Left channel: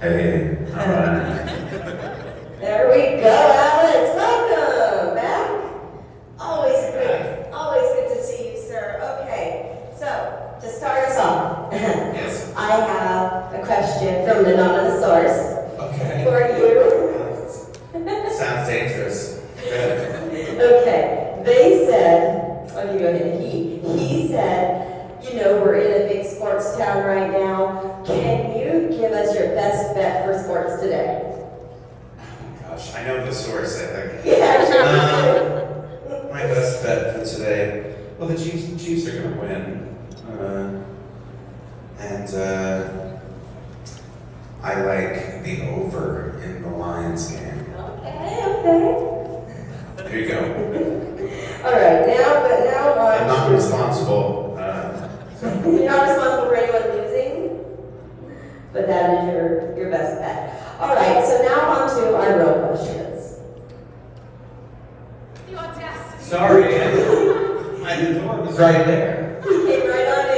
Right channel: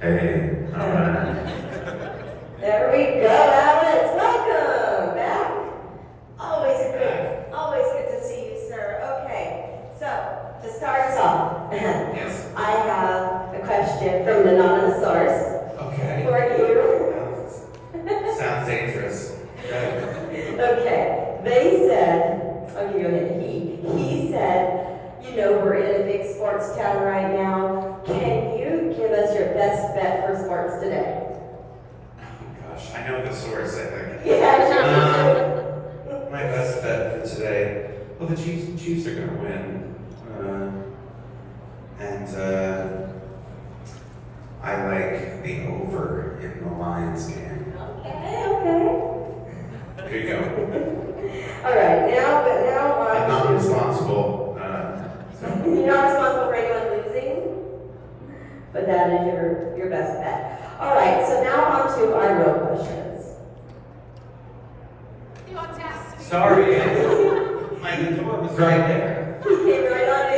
Hey, There we go, Alex. Welcome back. Always good to see you, sir. Okay, so to start us off, yes. I have a question from the anonymous Okay. for you. Sounds dangerous. Good. Okay, they said, let me go ahead. He said, you know, we're in a big sports town right now. Can you give us your best bet for sports today? Oh gosh, I know the source, I think. Yeah, sure. My best bet for today. Well, the Chiefs are going to win. I like the over in the Lions game. Okay. There you go. All right, now I'm not responsible. You're not responsible for anyone losing, but that is your best bet. All right, so now on to our real questions. Sorry, the door was right there. He came right on in.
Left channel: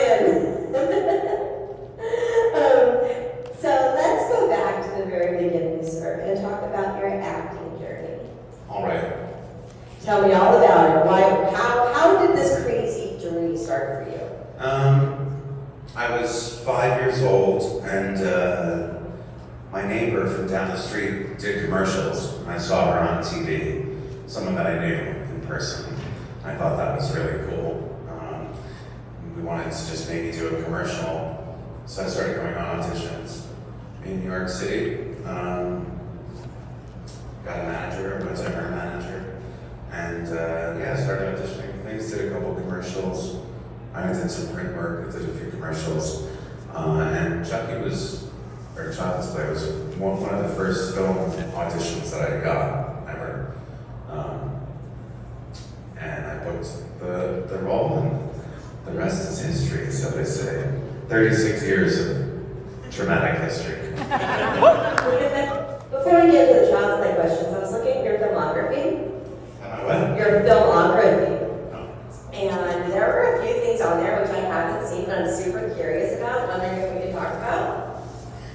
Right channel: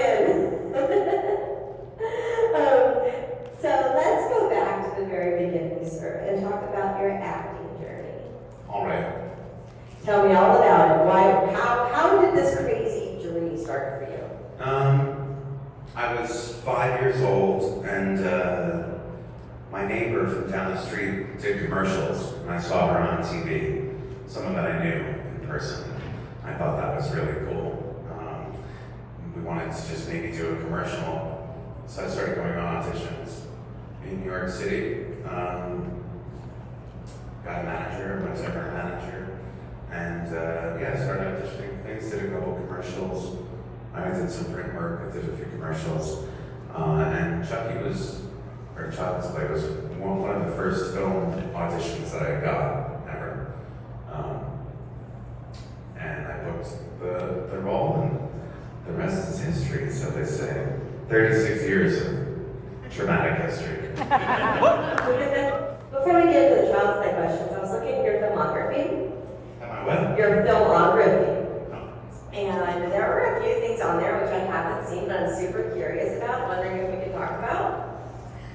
So let's go back to the very beginning, sir, and talk about your acting journey. All right. Tell me all about it. How did this crazy journey start for you? I was 5 years old, and my neighbor from down the street did commercials, and I saw her on TV, someone that I knew in person. I thought that was really cool. We wanted to just maybe do a commercial, so I started going on auditions in New York City. Got a manager, went to her manager, and started auditioning for things, did a couple commercials. I did some print work, I did a few commercials, and Child's Play was one of the first film auditions that I got ever. And I booked the role, and the rest is history, so they say. 36 years of traumatic history. Before we get to the Child's Play questions, I was looking at your filmography. Am I what? Your filmography. No. And there were a few things on there which I haven't seen, but I'm super curious about, wondering if we could talk about.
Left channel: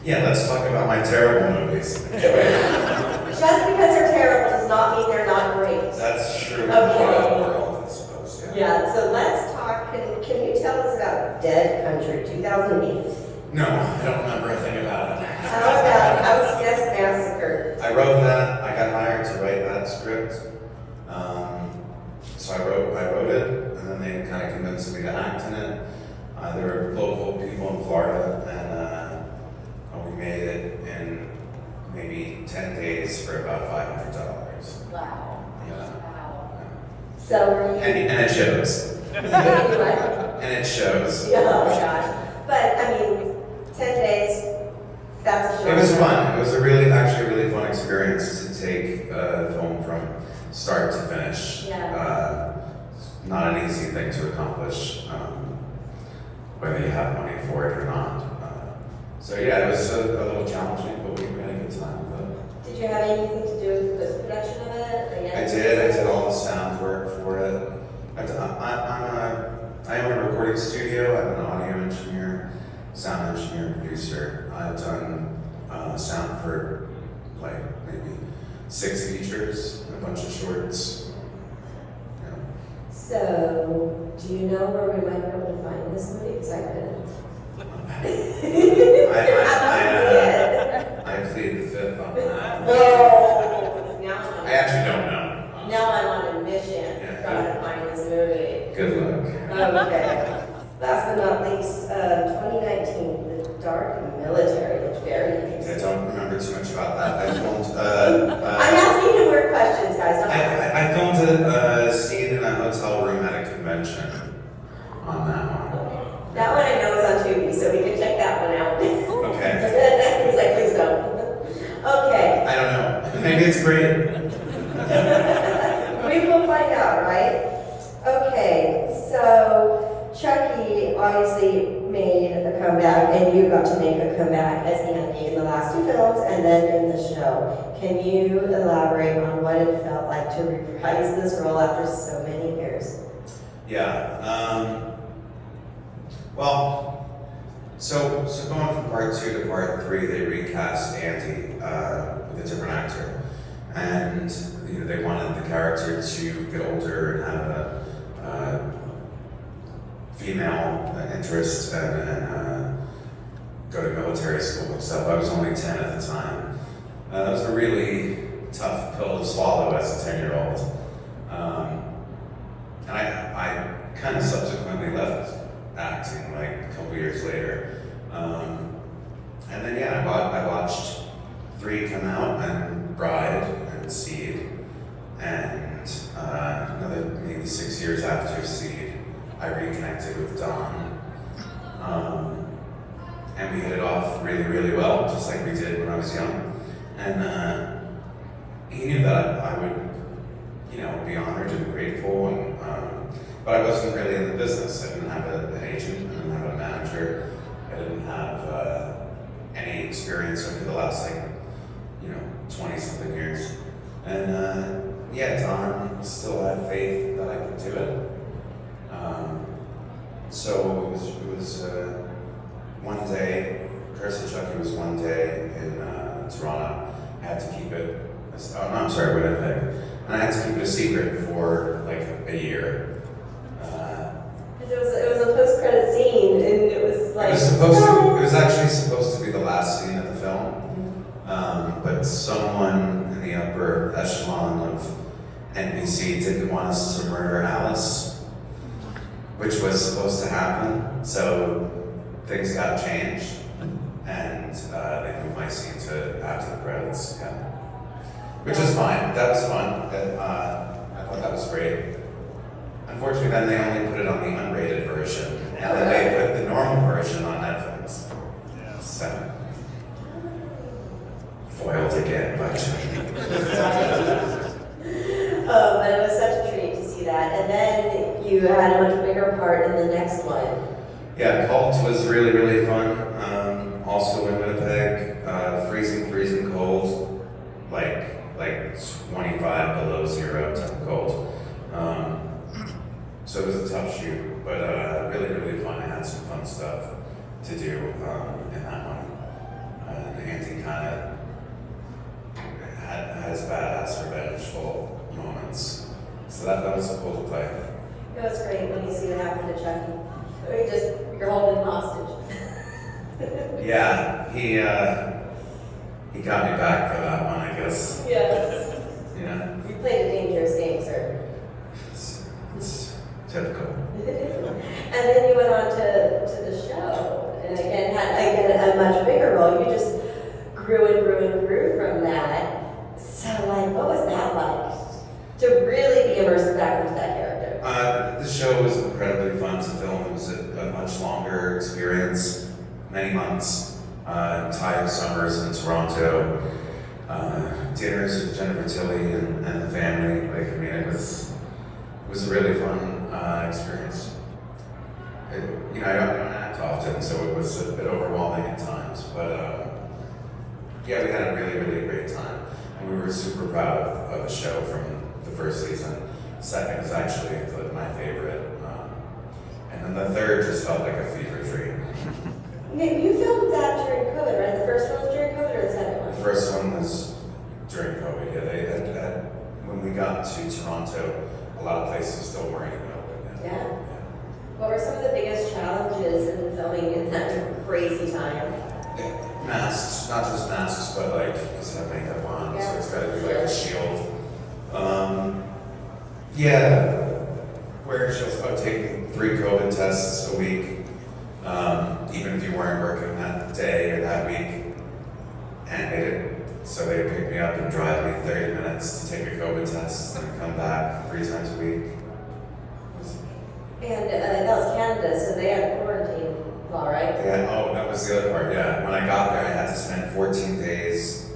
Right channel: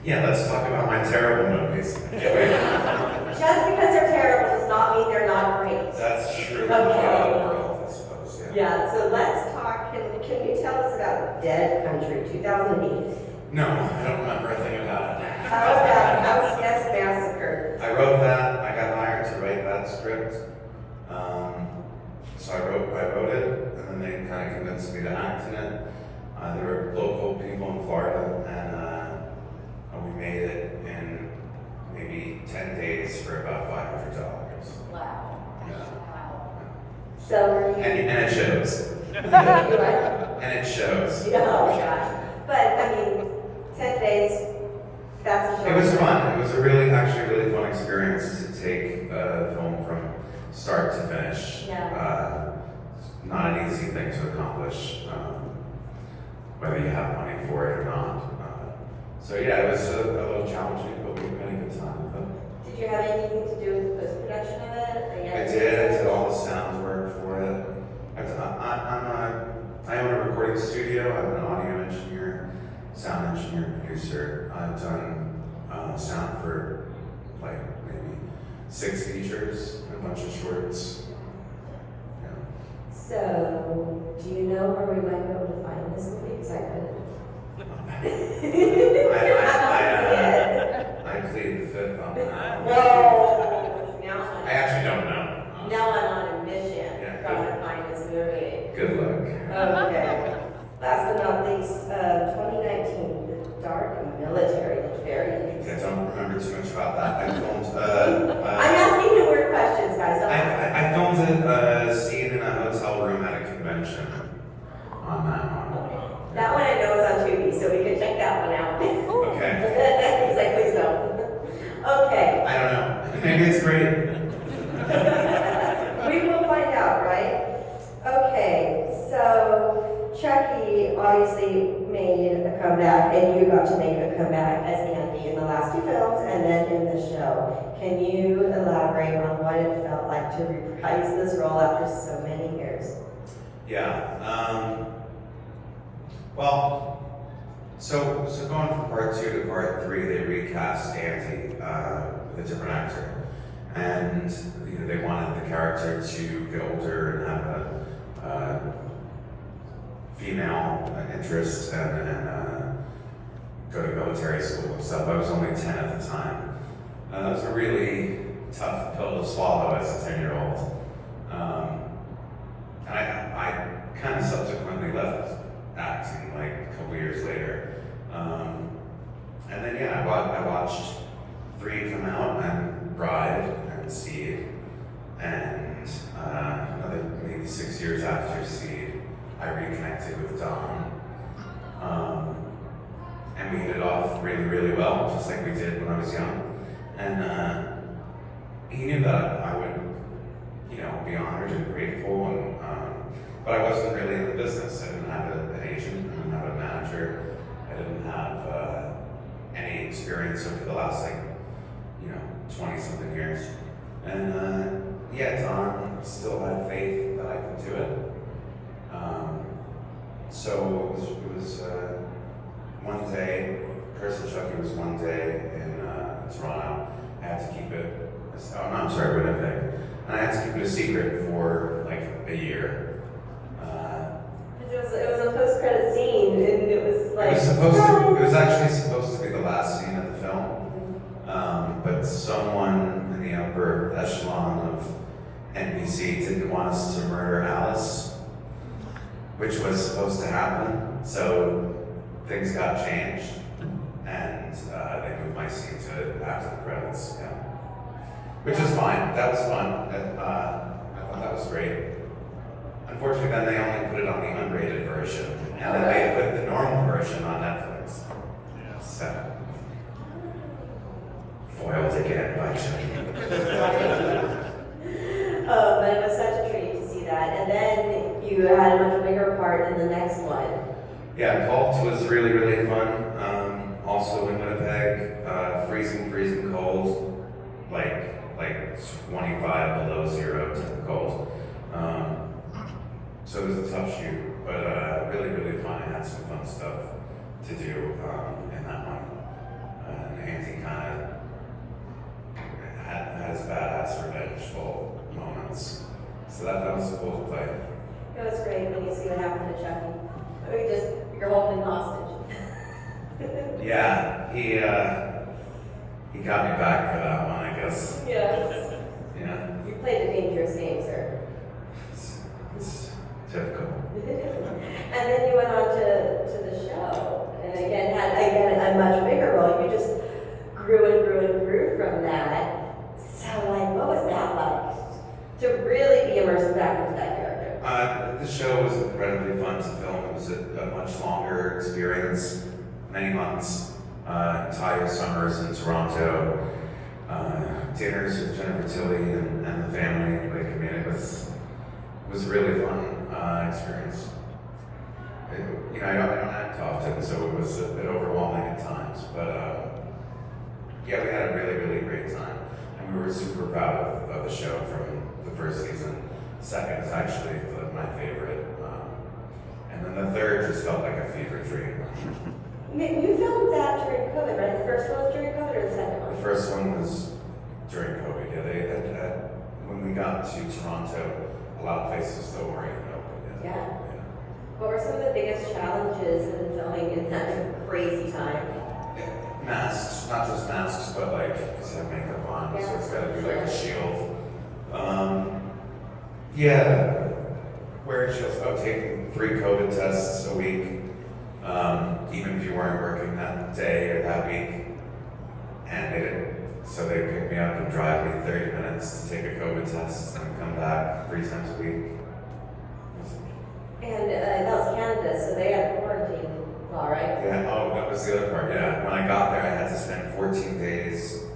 Yeah, let's talk about my terrible movies. I can't wait. Just because they're terrible does not mean they're not great. That's true. Okay. World, I suppose, yeah. Yeah, so let's talk. Can you tell us about Dead Country 2008? No, I don't remember a thing about it. How about House Guest Massacre? I wrote that. I got hired to write that script. So I wrote it, and then they kind of convinced me to act in it. There were local people in Florida, and we made it in maybe 10 days for about $500. Wow. Yeah. Wow. So were you? And it shows. What? And it shows. Oh gosh. But I mean, 10 days. That's a short. It was fun. It was actually a really fun experience to take a film from start to finish. Yeah. Not an easy thing to accomplish, whether you have money for it or not. So yeah, it was a little challenging, but we had a good time with it. Did you have anything to do with the post-production of it? I did all the sound work for it. I own a recording studio. I'm an audio engineer, sound engineer, producer. I've done sound for like maybe 6 features, a bunch of shorts. Yeah. So, do you know where we might be able to find this movie? Because I couldn't. I plead the fifth on that. Whoa! Now I actually don't know. now I'm on a mission. Yeah. Trying to find this movie. Good luck. Okay. Last but not least, 2019, The Dark Military. It's very I interesting. don't remember too much about that. I filmed. I'm asking you weird questions, guys. Don't worry. I filmed a scene in a hotel room at a convention on that one. That one I know is on Tubi, so we can check that one out. Okay. He's like, please don't. Okay. I don't know. Maybe it's great. We will find out, right? Okay, so Chucky obviously made a comeback, and you got to make a comeback as Andy in the last 2 films and then in the show. Can you elaborate on what it felt like to reprise this role after so many years? Yeah. Well, So going from part 2 to part 3, they recast Andy with a different actor, and they wanted the character to get older and have a female interest and go to military school and stuff. I was only 10 at the time. It was a really tough pill to swallow as a 10-year-old. And I kind of subsequently left acting like a couple years later. And then I watched 3 come out, and Bride and Seed, and another maybe 6 years after Seed, I reconnected with Don. And we hit it off really, really well, just like we did when I was young. And he knew that I would, be honored and grateful, and but I wasn't really in the business. I didn't have an agent, I didn't have a manager, I didn't have any experience over the last 20-something years. And Don still had faith that I could do it. So it was one day, Curse of Chucky was one day in Toronto. I had to keep it, Winnipeg. And I had to keep it a secret for like a year. It was a post-credit scene, and it was like... It was actually supposed to be the last scene of the film. But someone in the upper echelon of NBC didn't want us to murder Alice, which was supposed to happen. So things got changed, and they moved my scene to after the credits. Yeah, which is fine. That was fun. I thought that was great. Unfortunately, then they only put it on the unrated version, and then they put the normal version on Netflix. So, foiled again by Chucky. But it was such a treat to see that. And then you had a much bigger part in the next one. Yeah, Cult was really, really fun. Also in Winnipeg, freezing cold, like 25 below zero type of cold. So it was a tough shoot, but really, really fun. I had some fun stuff to do in that one. And Andy kind of had his badass revengeful moments. So that was cool to play. It was great when you see what happened to Chucky. You're holding him hostage. Yeah, he got me back for that one, I guess. Yes. Yeah. You played a dangerous game, sir. It's typical. And then you went on to the show, and again had a much bigger role. You just grew from that. So, what was that like? To really be immersed back into that character? The show was incredibly fun to film. It was a much longer experience, many months, entire summers in Toronto, dinners with Jennifer Tilly and the family. It was a really fun experience. I don't act often, so it was a bit overwhelming at times, but we had a really, really great time. And we were super proud of the show from the first season. Second is actually my favorite. And then the third just felt like a fever dream. You filmed that during COVID, right? The first one was during COVID, or the second one? The first one was during COVID, yeah. When we got to Toronto, a lot of places still weren't even open yet. Yeah. What were some of the biggest challenges in filming in that crazy time? Masks, not just masks, but because you have makeup on, so it's got to be like a shield. Wearing shields, taking 3 COVID tests a week, even if you weren't working that day or that week. And so they'd pick me up and drive me 30 minutes to take a COVID test and then come back 3 times a week. And that was Canada, so they had quarantine law, right? Yeah, that was the other part, yeah. When I got there, I had to spend 14 days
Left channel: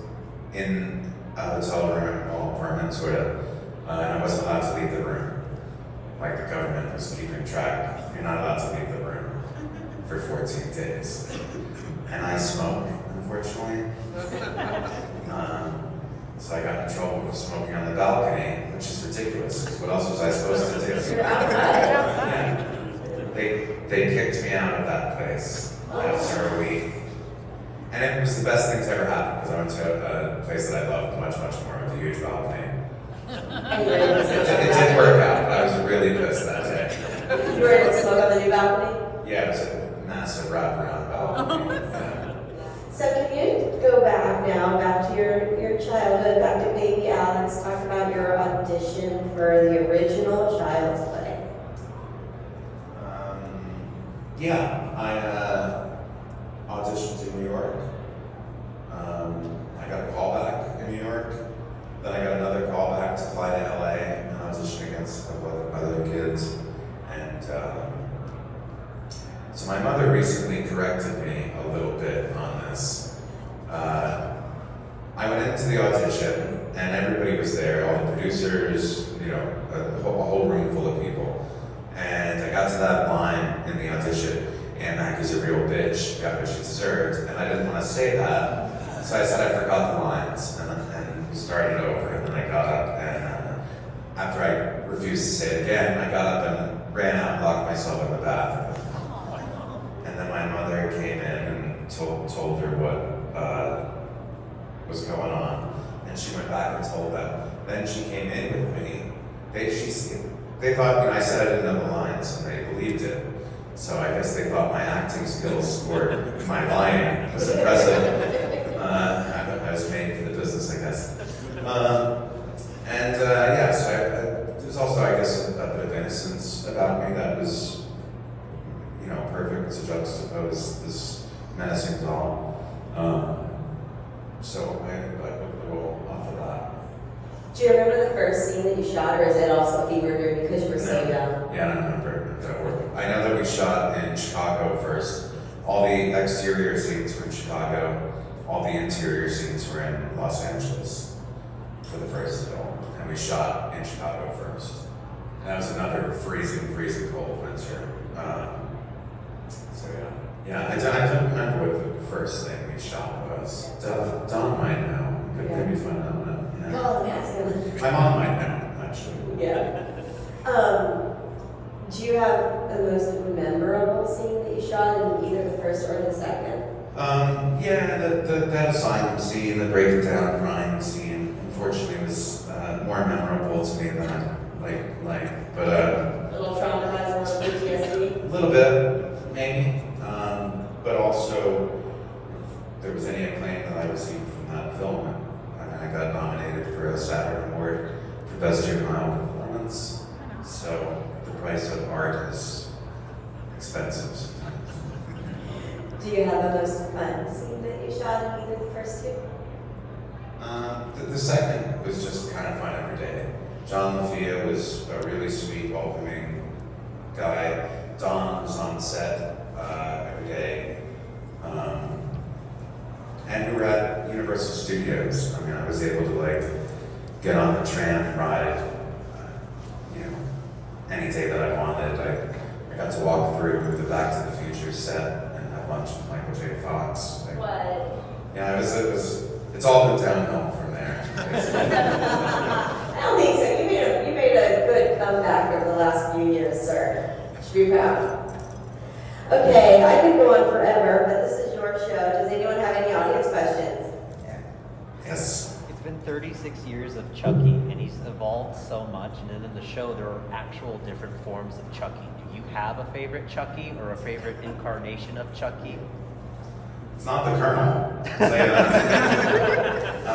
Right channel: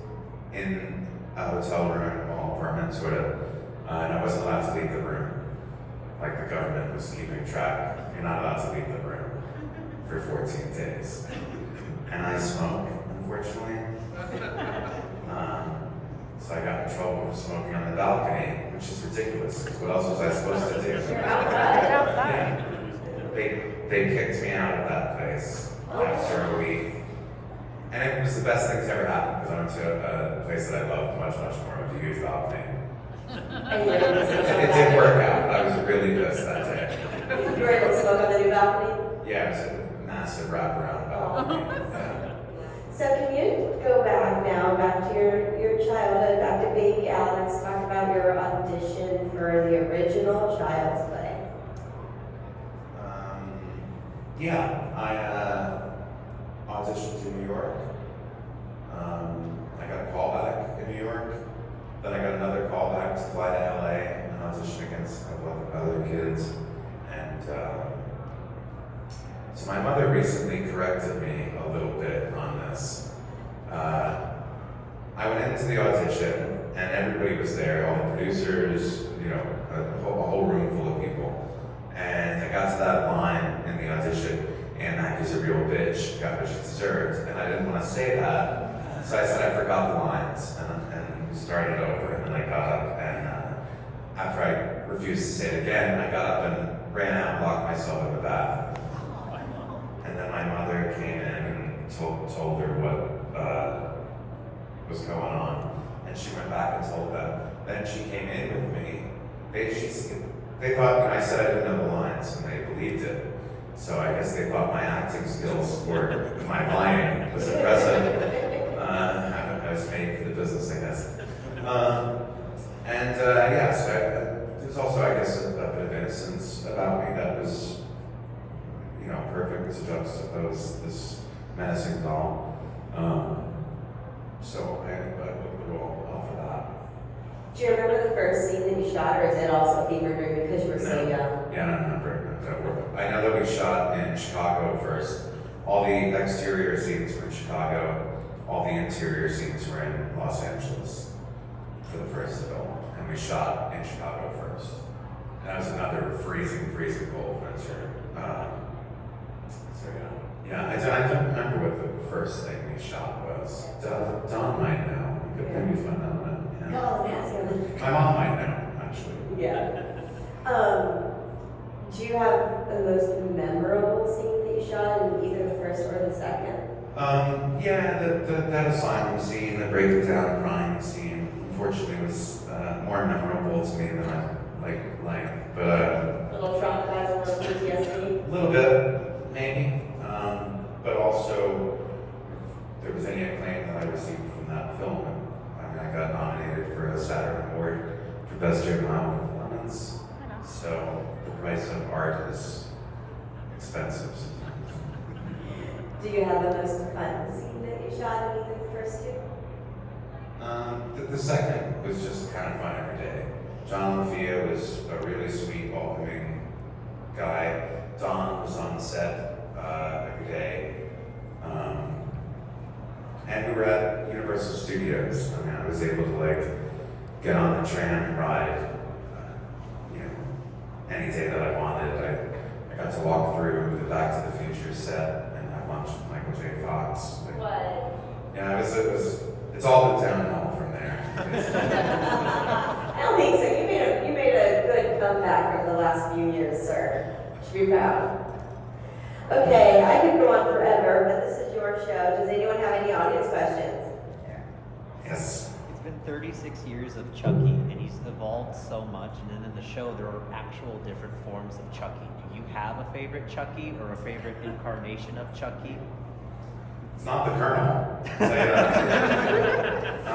in a hotel room, apartment, sort of, and I wasn't allowed to leave the room. Like the government was keeping track. You're not allowed to leave the room for 14 days. And I smoke, unfortunately. So I got in trouble for smoking on the balcony, which is ridiculous. What else was I supposed to do? You're outside. Yeah. They kicked me out of that place. after a week. And it was the best thing to ever happen because I went to a place that I loved much, much more with a huge balcony. And you were able to smoke on the It didn't work out, but I was really pissed that day. You were able to smoke on the new balcony? Yeah, it was a massive wraparound balcony. Yeah. So can you go back now, back to your childhood, back to baby Alex, talk about your audition for the original Child's Play. Yeah, I auditioned in New York. I got a call back in New York. Then I got another call back to fly to LA and audition against a couple of other kids. And so my mother recently corrected me a little bit on this. I went into the audition and everybody was there, all the producers, you know, a whole room full of people. And I got to that line in the audition, and Maggie's a real bitch, got what she deserved. And I didn't want to say that, so I said I forgot the lines, and we started over. And then I got up, and after I refused to say it again, I got up and ran out and locked myself in the bathroom. And then my mother came in and told her what was going on, and she went back and told them. Then she came in with me. They thought when I said I didn't know the lines, and they believed it. So I guess they thought my acting skills were, my lying was impressive. I was made for the business, I guess. Yeah, so there's also, I guess, a bit of innocence about me that was, you know, perfect to juxtapose this menacing doll. So I go off of that. Do you remember the first scene that you shot, or is it also fever dream because you were so young? Yeah, I don't remember that work. I know that we shot in Chicago first. All the exterior scenes were in Chicago. All the interior scenes were in Los Angeles for the first film. And we shot in Chicago first. That was another freezing cold winter. So yeah. I don't remember what the first thing we shot was. Don might know. You could maybe find out now. Yeah. No, that's good. My mom might know, actually. Yeah. Do you have the most memorable scene that you shot in either the first or the second? That asylum scene, the breaking down crying scene, unfortunately was more memorable to me than I like. But A little traumatizing on PTSD? a little bit, maybe. But also, if there was any acclaim that I received from that film, I got nominated for a Saturn Award for Best Juvenile Performance. So the price of art is expensive sometimes. Do you have the most fun scene that you shot in either the first two? The second was just kind of fun every day. John LaFia was a really sweet, welcoming guy. Don was on set every day. And we were at Universal Studios. I mean, I was able to get on the tram and ride, any day that I wanted. I got to walk through the Back to the Future set and have lunch with Michael J. Fox. What? Yeah, it's all been downhill from there. I don't think so. You made a good comeback over the last few years, sir. You should be proud. Okay, I could go on forever, but this is your show. Does anyone have any audience questions? Yes. It's been 36 years of Chucky, and he's evolved so much. And then in the show, there are actual different forms of Chucky. Do you have a favorite Chucky or a favorite incarnation of Chucky? It's not the Colonel. I'll tell you that.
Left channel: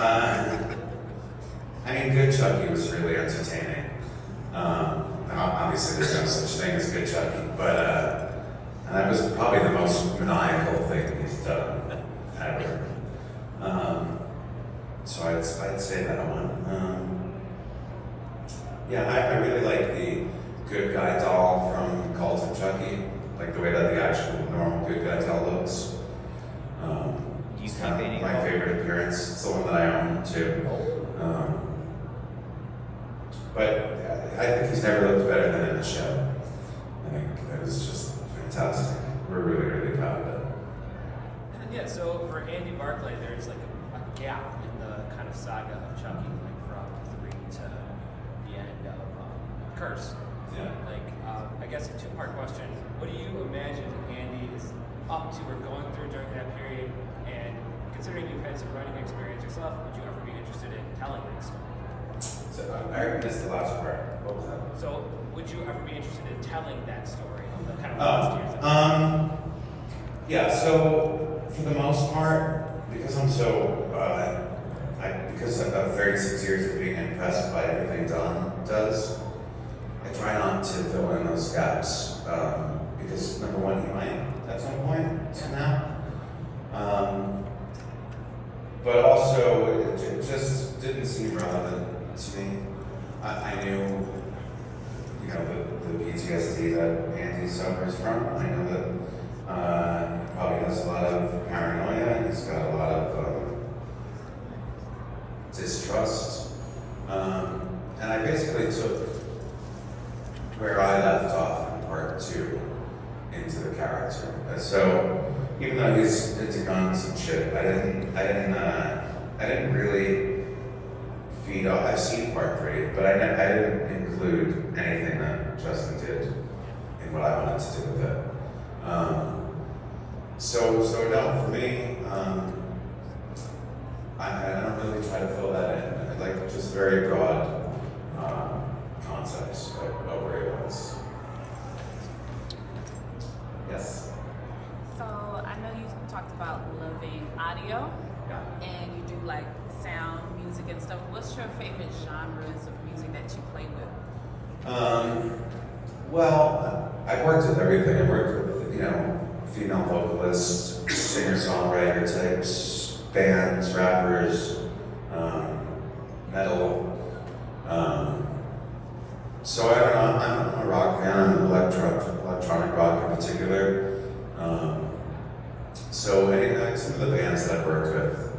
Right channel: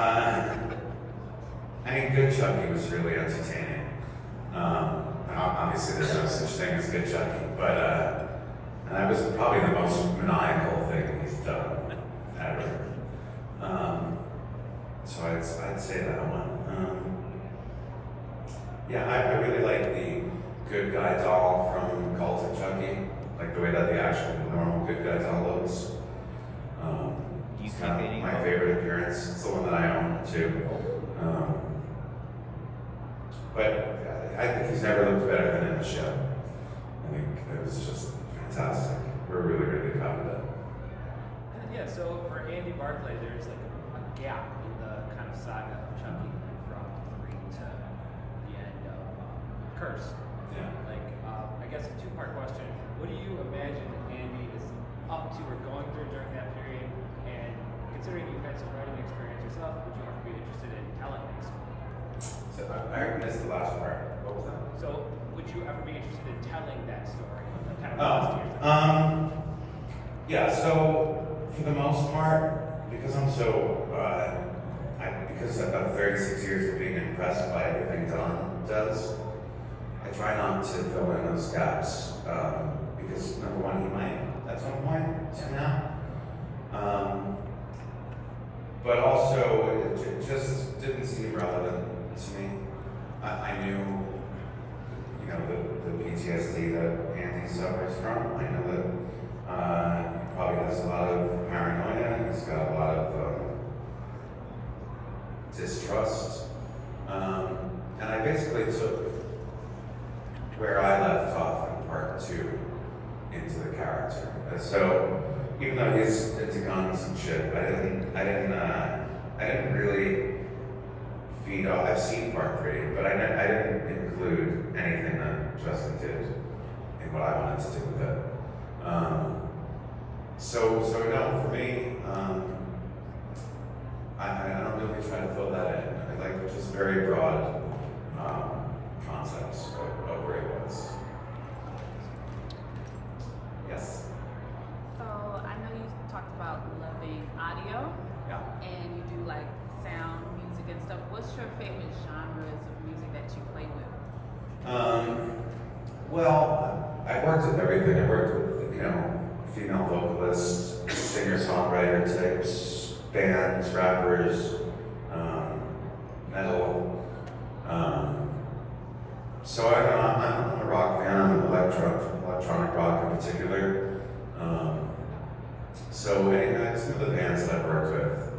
I mean, good Chucky was really entertaining. And obviously, there's no such thing as good Chucky, but and that was probably the most maniacal thing he's done ever. So I'd say that one. I really like the good guy doll from Cult of Chucky, like the way that the actual normal good guy doll looks. It's kind of my favorite appearance. It's the one that I own too. But I think he's never looked better than in the show. I think it was just fantastic. We're really, really proud of it. Yeah, so for Andy Barclay, there's like a gap in the kind of saga of Chucky from 3 to the end of Curse. Yeah. I guess a two-part question. What do you imagine Andy is up to or going I missed the last part. What was that? So, would you ever be interested in telling that story? Like, kind Oh, of yeah. So for the most part, because I'm so, because I've got 36 years of being impressed by everything Don does, I try not to fill in those gaps. Because number one, he might at some point somehow. But also, it just didn't seem relevant to me. I knew, you know, the PTSD that Andy suffers from. I know that he probably has a lot of paranoia. He's got a lot of distrust. And I basically took where I left off in part 2 into the character. So even though he's into guns and shit, I didn't really feed off. I've seen part 3, but I didn't include anything that Justin did in what I wanted to do with it. So no, for me, I don't really try to fill that in. I like just very broad concepts of where it was. Yes. So I know you talked about loving audio, Yeah. and you do like sound, music, and stuff. What's your favorite genres of music that you play with? Well, I've worked with everything. I've worked with, you know, female vocalists, singer-songwriter types, bands, rappers, metal. So I don't know, I'm a rock fan. I'm an electronic rock in particular. So some of the bands that I've worked with,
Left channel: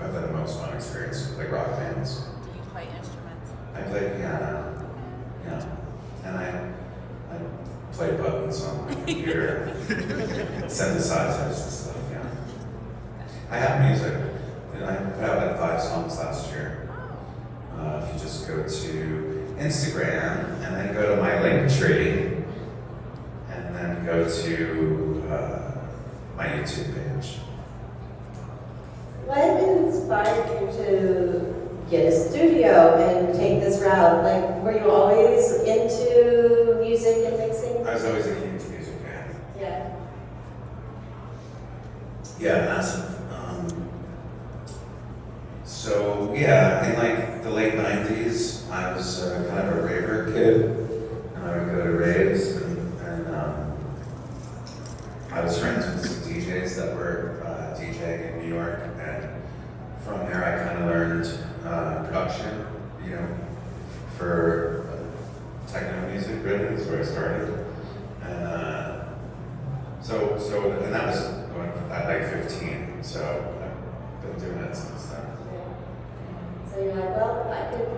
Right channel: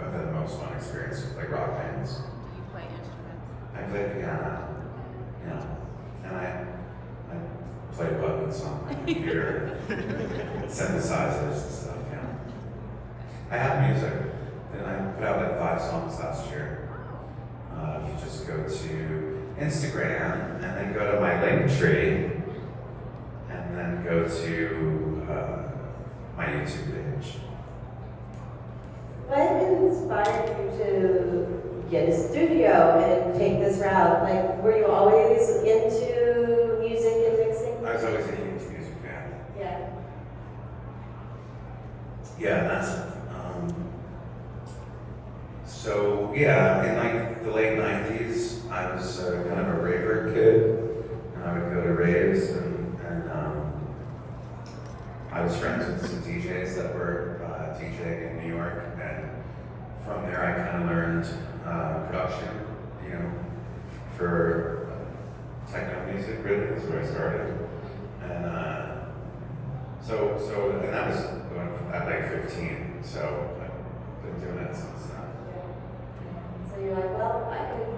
I've had the most fun experience with, like rock bands. Do you play instruments? I play piano, yeah, and I play buttons on my computer, synthesizers and stuff, yeah. I have music, and I put out like 5 songs last year. If you just go to Instagram and then go to my link tree, and then go to my YouTube page. What inspired you to get a studio and take this route? Like, were you always into music and mixing? I was always a huge music fan. Yeah. Yeah, massive. So yeah, in like the late 90s, I was kind of a raver kid, and I would go to raves, and I was friends with some DJs that were DJing in New York, and from there I kind of learned production, you know, for techno music. Really, is where I started, and and that was at like 15. So I've been doing it since then. So you're like, well, I could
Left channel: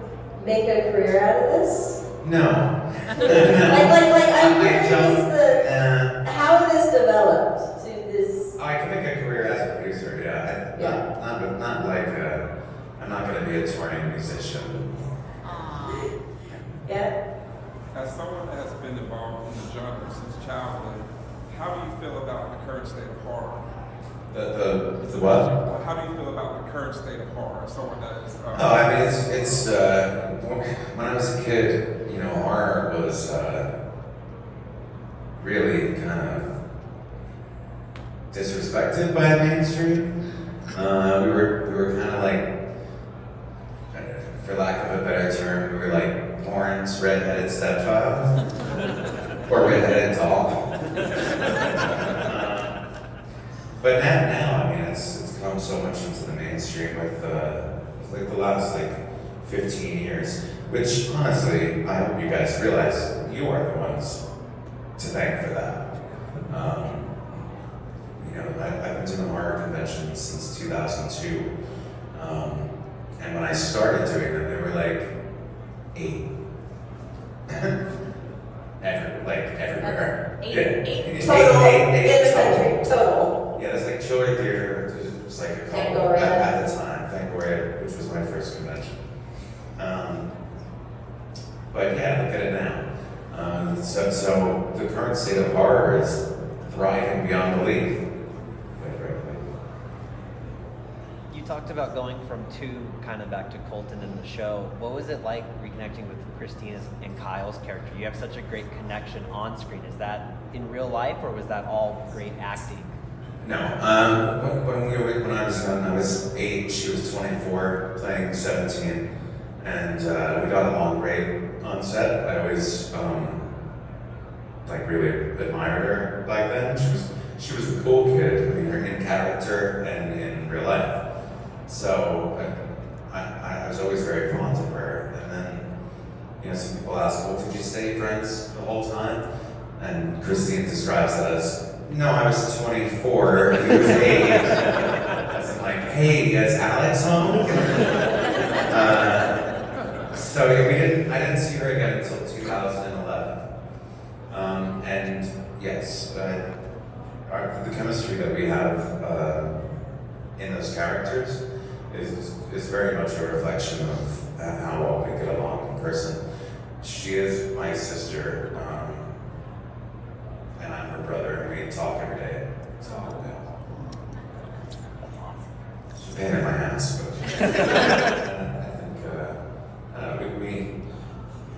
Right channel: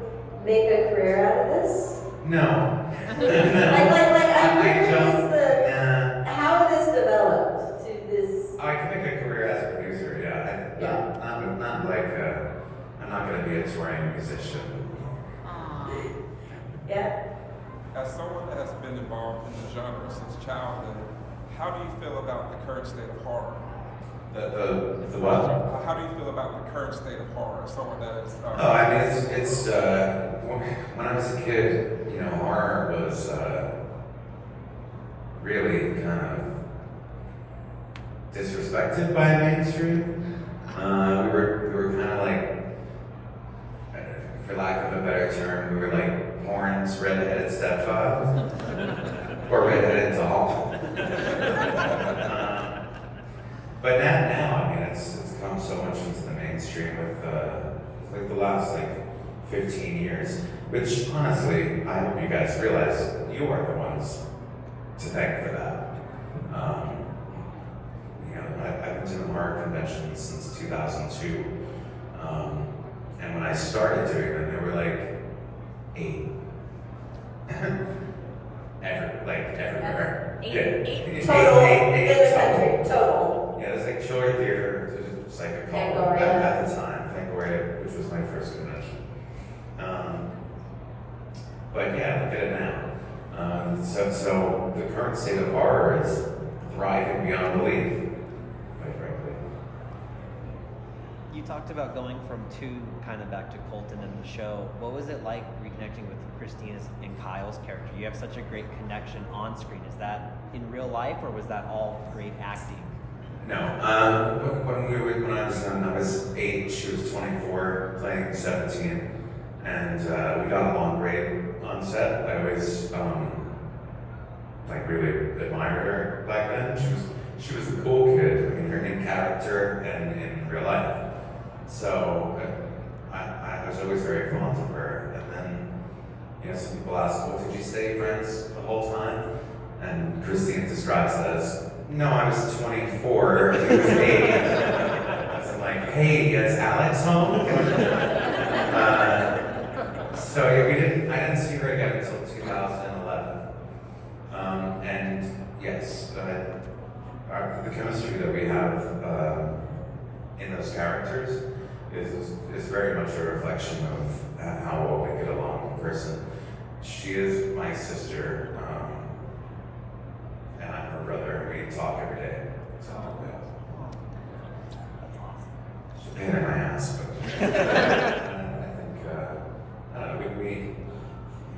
make a career out of this? No. I'm curious Yeah. how this developed to this. I can make a career as a producer, yeah. Not like I'm not going to be a touring musician. Yeah. As someone that's been involved in the genre since childhood, how do you feel about the current state of horror? The what? How do you feel about the current state of horror? Someone that is. Oh, I mean, it's when I was a kid, you know, horror was really kind of disrespected by mainstream. We were kind of like, for lack of a better term, we were like porn's redheaded stepchild or redheaded doll. But now, I mean, it's come so much into the mainstream with like the last like 15 years, which honestly, I hope you guys realize you are the ones to thank for that. You know, I've been doing horror conventions since 2002, and when I started doing them, there were like 8. Everywhere. Eight total in the country, total. Yeah, there's like Chiller Theater, there's like a couple at the time, Fangoria, which was my first convention. But yeah, look at it now. So the current state of horror is thriving beyond belief, quite frankly. You talked about going from two kind of back to Colton in the show. What was it like reconnecting with Christina's and Kyle's character? You have such a great connection on screen. Is that in real life, or was that all great acting? No. When I was young, I was 8. She was 24, playing 17, and we got along great on set. I always like really admired her back then. She was a cool kid. I mean, her in character and in real life. So I was always very fond of her. And then, you know, some people ask, "Well, did you stay friends the whole time?" And Christine describes it as, "No, I was 24, he was 8. As in like, "Hey, is Alex home?" So yeah, I didn't see her again until 2011. And yes, the chemistry that we have in those characters is very much a reflection of how well we get along in person. She is my sister, and I'm her brother, and we talk every day. So it's a pain in my ass, but and I think I don't know, we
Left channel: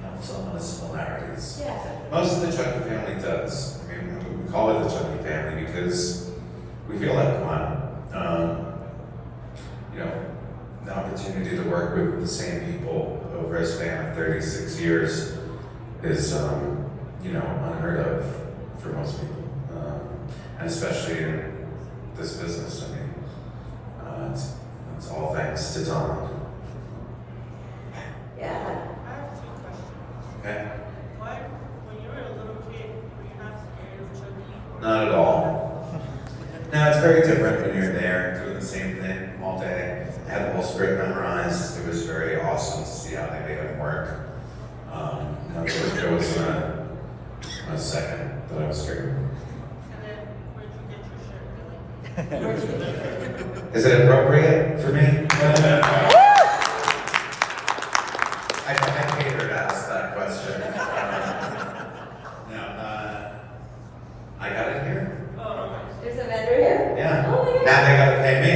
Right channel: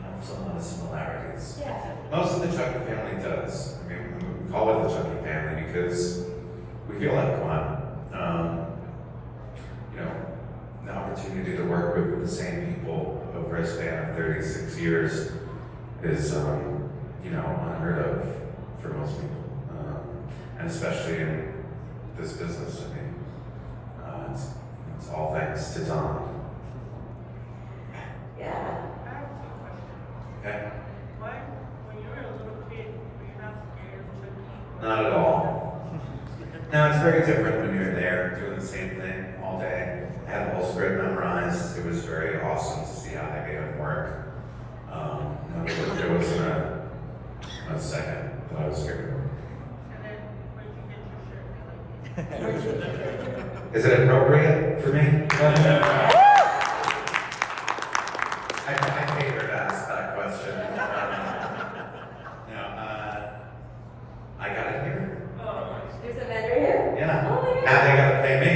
have some of the similarities. Yeah. Most of the Chucky family does. I mean, we call it the Chucky family because we feel like one. You know, the opportunity to work with the same people over a span of 36 years is, you know, unheard of for most people, and especially in this business. I mean, it's all thanks to Don. Yeah. I have two questions. Okay. One, when you were a little kid, were you not scared of Chucky? Not at all. No, it's very different when you're there doing the same thing all day. I had the whole script memorized. It was very awesome to see how they made it work. No, there wasn't a second that I was scared of. And then, where did you get your shirt? Where'd you get your shirt? Is it appropriate for me? I paid her to ask that question. No, I got it here. Oh, okay. There's a vendor here? Yeah. Oh my God. Now they gotta pay me.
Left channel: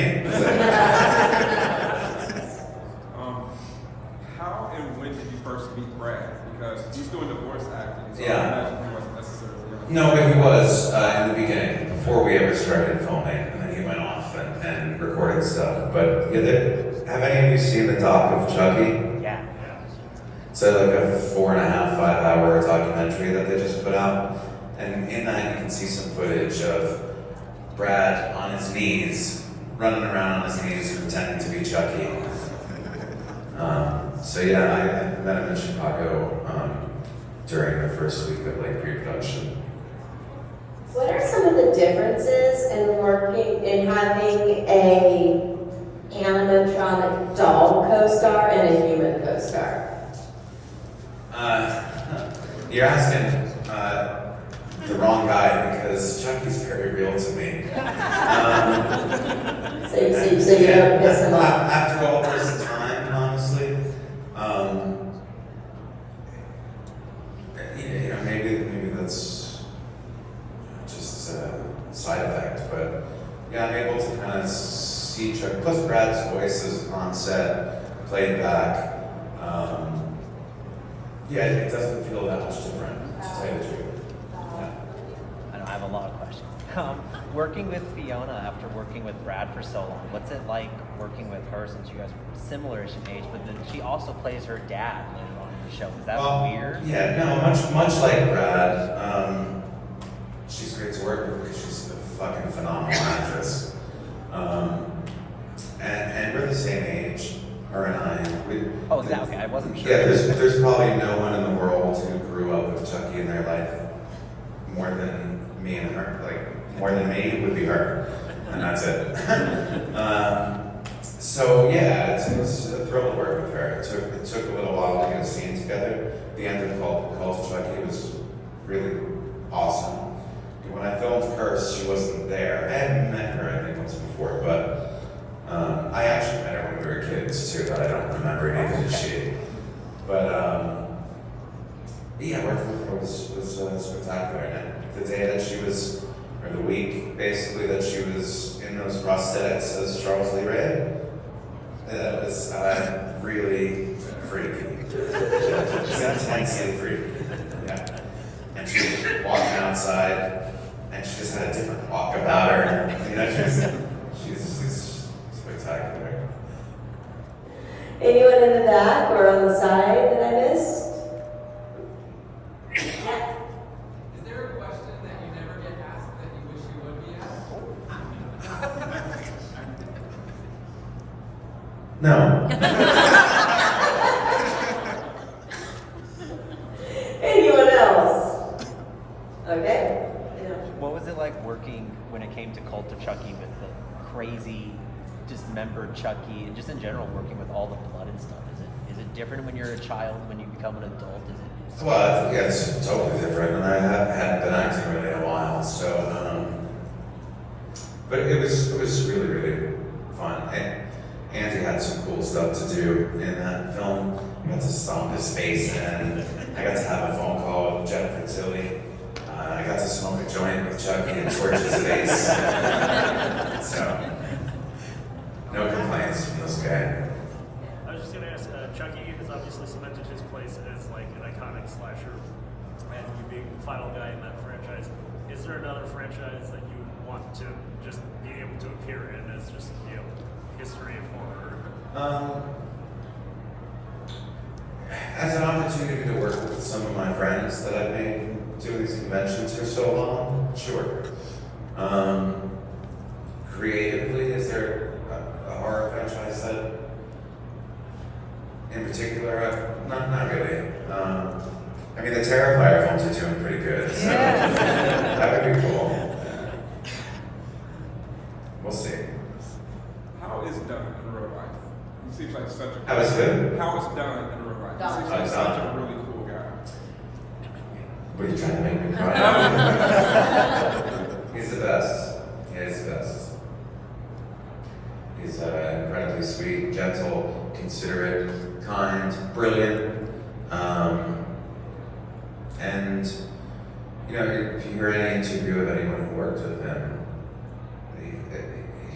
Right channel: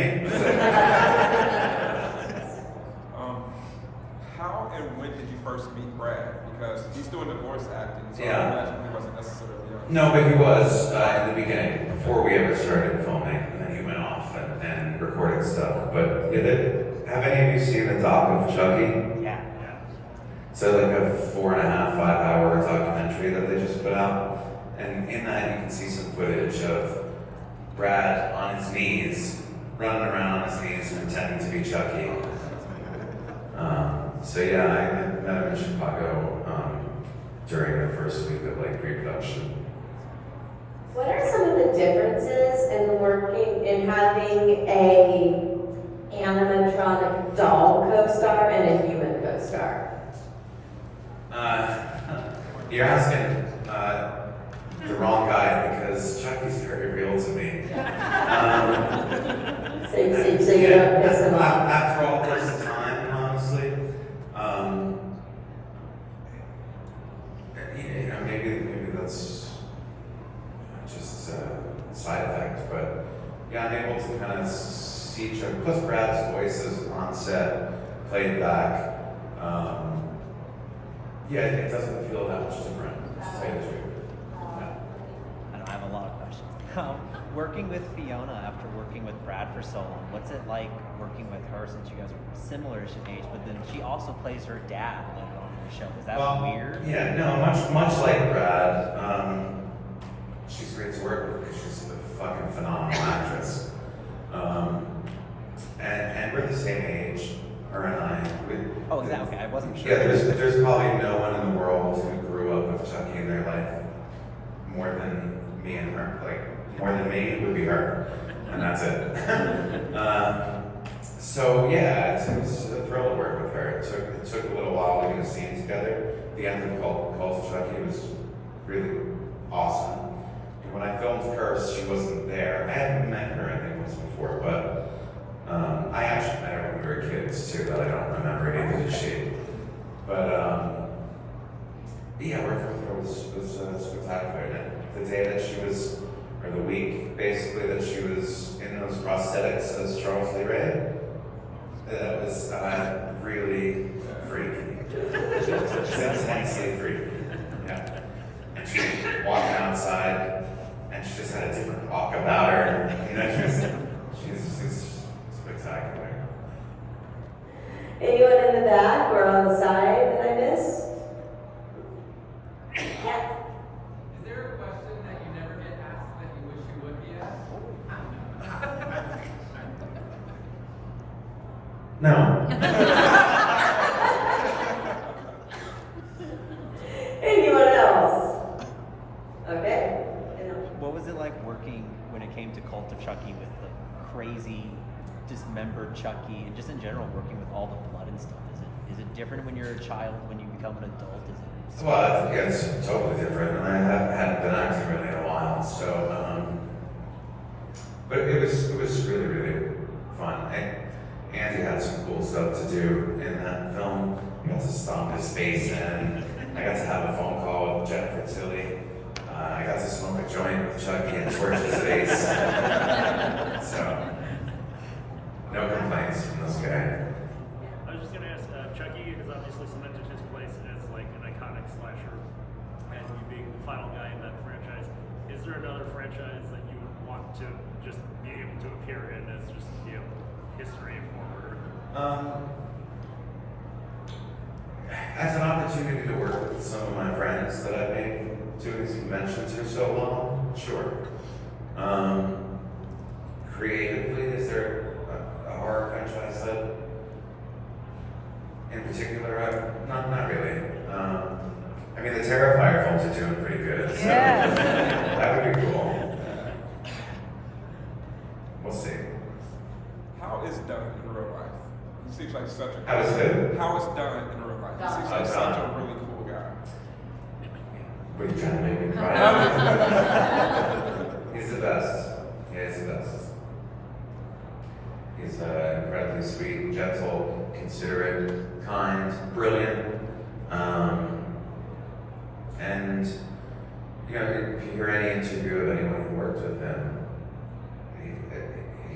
How and when did you first meet Brad? Because he's doing the voice acting, so Yeah. I imagine he wasn't necessarily. No, but he was in the beginning, before we ever started filming, and then he went off and recorded stuff. But yeah, have any of you seen the doc of Chucky? Yeah. So like a 4.5, 5-hour documentary that they just put out, and in that you can see some footage of Brad on his knees, running around on his knees, pretending to be Chucky. So yeah, I met him in Chicago during the first week of like pre-production. What are some of the differences in having a animatronic doll co-star and a human co-star? You're asking the wrong guy because Chucky's very real to me. So you don't piss him off. After all this time, honestly, you know, maybe that's just a side effect, but yeah, I'm able to kind of see Chuck. Plus, Brad's voice is on set, played back. Yeah, it doesn't feel that much different, to tell you the truth. I have a lot of questions. Working with Fiona after working with Brad for so long, what's it like working with her since you guys are similar-ish in age, but then she also plays her dad in the show. Is that weird? Yeah, no, much like Brad, she's great to work with because she's a fucking phenomenal actress. And we're the same age, her and I. Oh, exactly. I wasn't sure. Yeah, there's probably no one in the world who grew up with Chucky in their life more than me and her. Like, more than me would be her, and that's it. So yeah, it was a thrill to work with her. It took a little while to get a scene together. The end of Call to Chucky was really awesome. When I filmed Curse, she wasn't there. I had met her, I think, once before, but I actually met her when we were kids too, that I don't remember, neither did she. But yeah, working with her was spectacular. And the day that she was, or the week basically that she was in those prosthetics as Charles Lee Ray, That was really freaky. She's intensely freaky. Yeah. And she was walking outside, and she just had a different walk about her. You know, she's spectacular. Anyone in the back or on the side that I missed? Yeah. Is there a question that you never get asked that you wish you would be asked? No. Anyone else? Okay. Yeah. What was it like working when it came to Cult of Chucky with the crazy, dismembered Chucky, and just in general working with all the blood and stuff? Is it different when you're a child when you become an adult? Is it? Well, yeah, it's totally different, and I hadn't been acting really in a while, so, but it was really fun. Andy had some cool stuff to do in that film. I got to stomp his face in. I got to have a phone call with Jennifer Tilly. I got to smoke a joint with Chucky and torch his face. So, no complaints from this guy. I was just gonna ask, Chucky has obviously cemented his place as like an iconic slasher, and you being the final guy in that franchise. Is there another franchise that you want to just be able to appear in as just, you know, history of horror? As an opportunity to work with some of my friends that I've made doing these conventions for so long, sure. Creatively, is there a horror franchise that, in particular, not really. I mean, the Terrifier films are doing pretty good, so that would be cool. We'll see. How is Don in real life? He seems like such a... How is who? How is Don in real life? Don. He seems like such a really cool guy. What are you trying to make me cry? He's the best. Yeah, he's the best. He's incredibly sweet, gentle, considerate, kind, brilliant. And, you know, if you hear any interview of anyone who worked with him,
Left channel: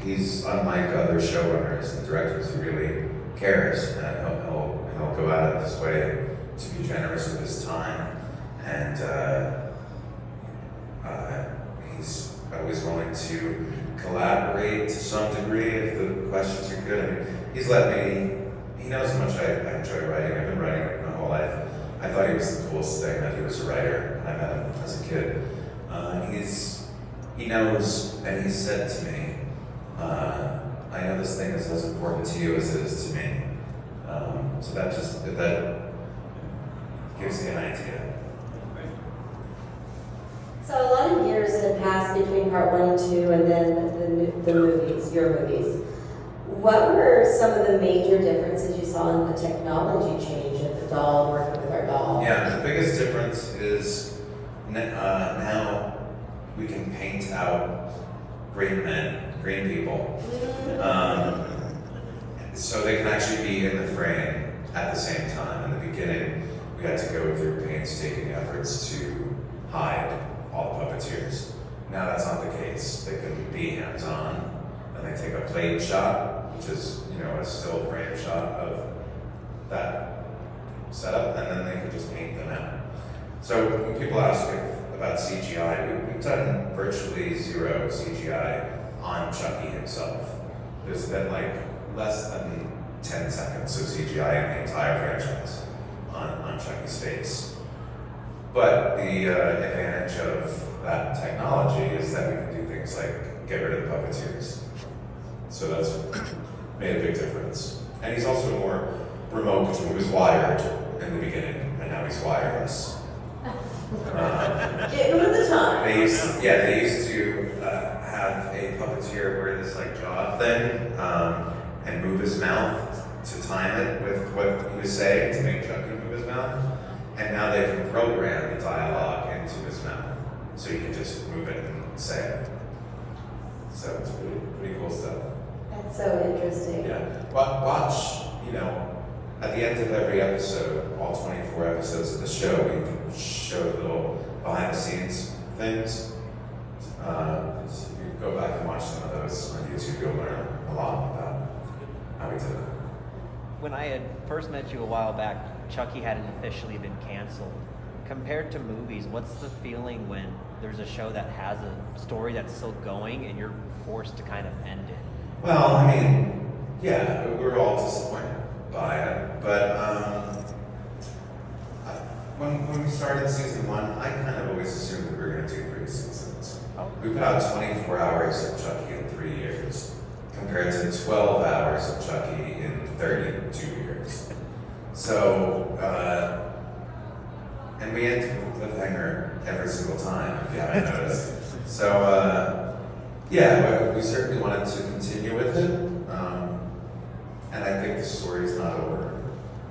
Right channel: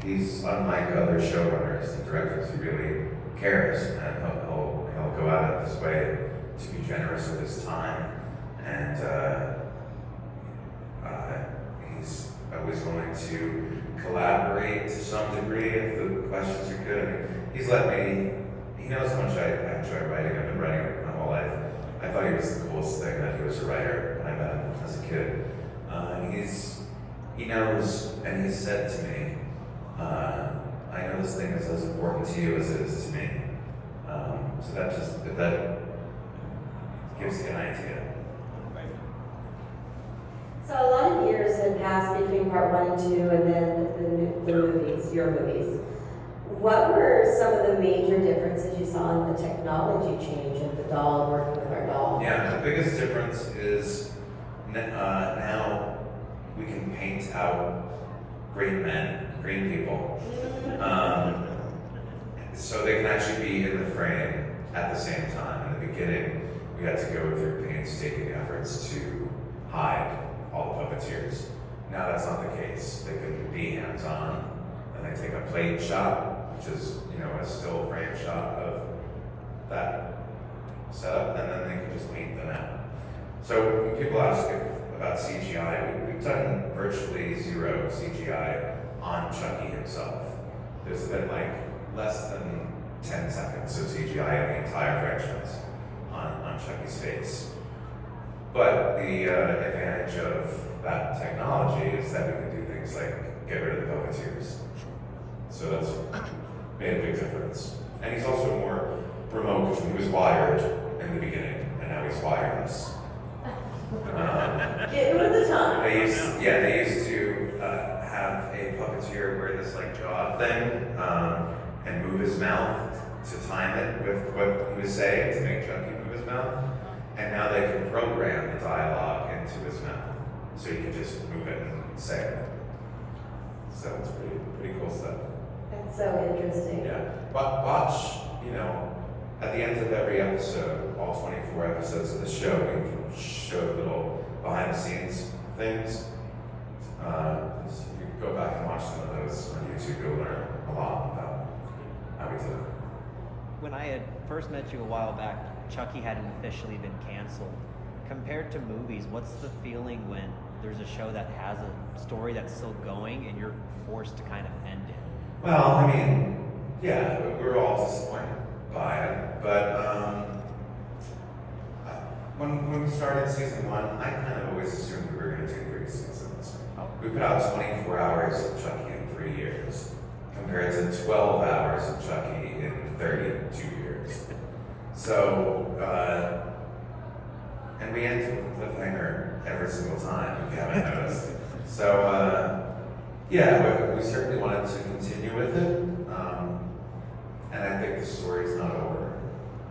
he's unlike other showrunners and directors. He really cares, and he'll go out of his way to be generous with his time, and he's always willing to collaborate to some degree if the questions are good. I mean, he's let me. He knows how much I enjoy writing. I've been writing like my whole life. I thought he was the coolest thing that he was a writer when I met him as a kid. He knows, and he said to me, I know this thing is as important to you as it is to me. So that gives me an idea. So a lot of years had passed between part 1 and 2 and then the movies, your movies. What were some of the major differences you saw in the technology change of the doll working with our doll? Yeah, the biggest difference is now we can paint out green men, green people. So they can actually be in the frame at the same time. In the beginning, we had to go through painstaking efforts to hide all the puppeteers. Now that's not the case. They can be hands-on, and they take a plate shot, which is, you know, a still frame shot of that setup, and then they can just paint them out. So when people ask about CGI, we've done virtually zero CGI on Chucky himself. There's been like less than 10 seconds of CGI in the entire franchise on Chucky's face. But the advantage of that technology is that we can do things like get rid of the puppeteers. So that's made a big difference. And he's also more remote because he was wired in the beginning, and now he's wireless. Getting with the time. They used to have a puppeteer wear this like jaw thing and move his mouth to time it with what he was saying to make Chucky move his mouth. And now they can program the dialogue into his mouth, so you can just move it and say it. So it's pretty cool stuff. That's so interesting. Yeah. Watch, you know, at the end of every episode, all 24 episodes of the show, we can show little behind the scenes things. If you go back and watch some of those on YouTube, you'll learn a lot about how we did it. when I had first met you a while back, Chucky hadn't officially been canceled. Compared to movies, what's the feeling when there's a show that has a story that's still going and you're forced to kind of end it? Well, I mean, yeah, we're all disappointed by it, but when we started season 1, I kind of always assumed that we were going to do 3 seasons. We put out 24 hours of Chucky in 3 years, compared to 12 hours of Chucky in 32 years. So, and we end with a cliffhanger every single time, if you haven't noticed. So, yeah, we certainly wanted to continue with it, and I think the story's not over.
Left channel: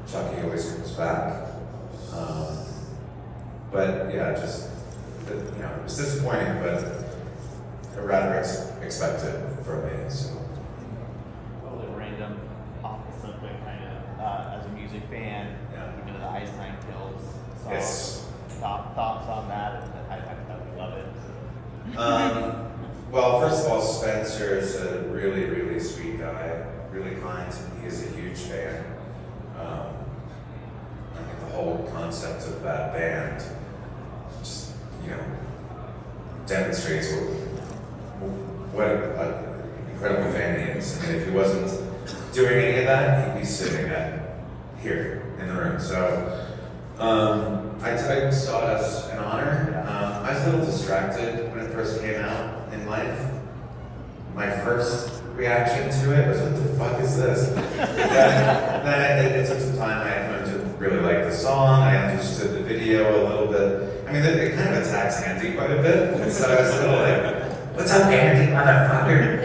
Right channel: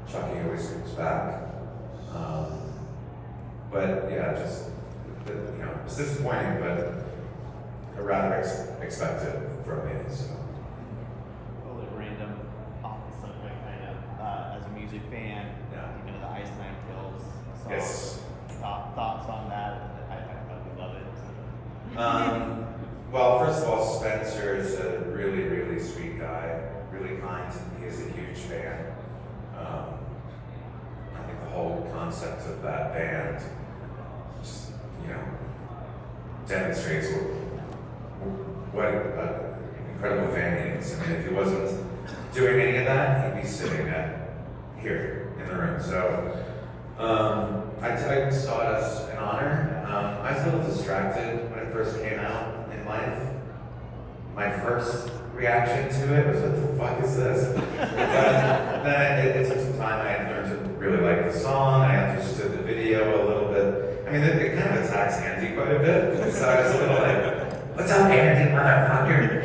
Chucky always comes back. But yeah, just, it's disappointing, but rather expected from me, so. A little random, opposite, but kind of, as a music fan, even the Iceland Kills song. Yes. Thoughts on that? I love it. Well, first of all, Spencer is a really, really sweet guy, really kind. He is a huge fan. I think the whole concept of that band just, demonstrates what an incredible fan he is. I mean, if he wasn't doing any of that, he'd be sitting here in the room. So, I saw it as an honor. I was a little distracted when it first came out in life. My first reaction to it was, what the fuck is this? But then it took some time. I learned to really like the song. I understood the video a little bit. I mean, it kind of attacks Andy quite a bit. So I was a little like, what's up, Andy, motherfucker?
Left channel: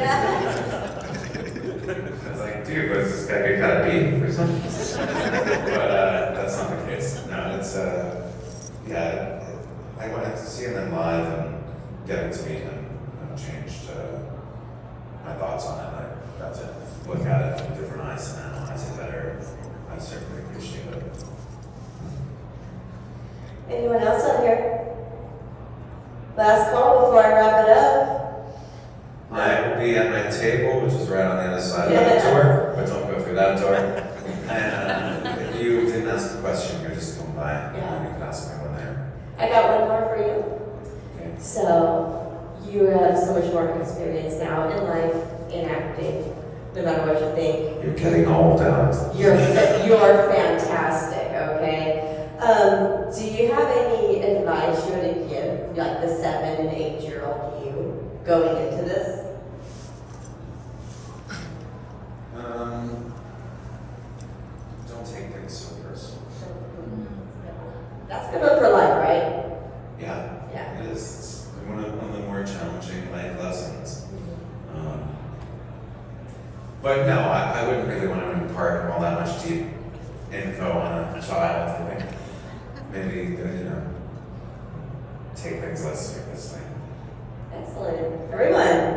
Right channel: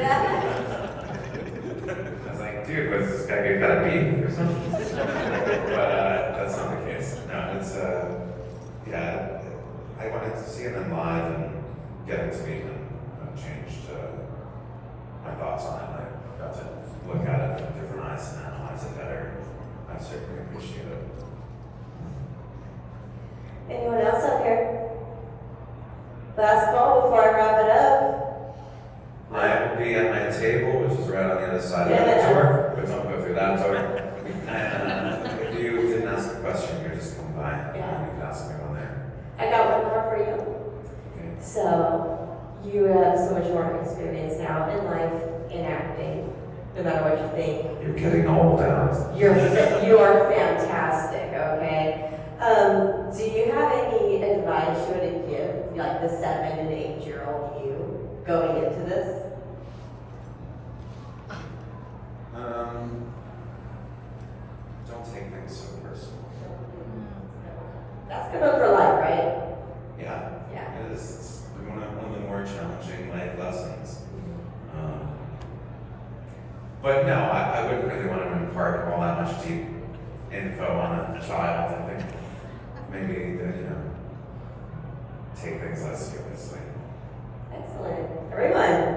I was like, dude, was this guy get kind of beef or something? But that's not the case. No, it's, yeah, I wanted to see him live and getting to meet him changed my thoughts on it. I got to look at it from different eyes and analyze it better. I certainly appreciate it. Anyone else on here? Last call before I wrap it up. I will be at my table, which is right on the other side of the door, but don't go through that door. And if you didn't ask a question, you just come by and you can ask me one there. I got one more for you. Okay. So, you have so much more experience now in life, in acting, no matter what you think. You're getting old, Alex. You're fantastic, okay? Do you have any advice you would give, like the 7 and 8-year-old you, going into this? Don't take things so personal. That's good one for life, right? Yeah. Yeah. It is. It's one of the more challenging life lessons. But no, I wouldn't really want to impart all that much deep info on a child. I think maybe, take things less seriously. Excellent. Everyone,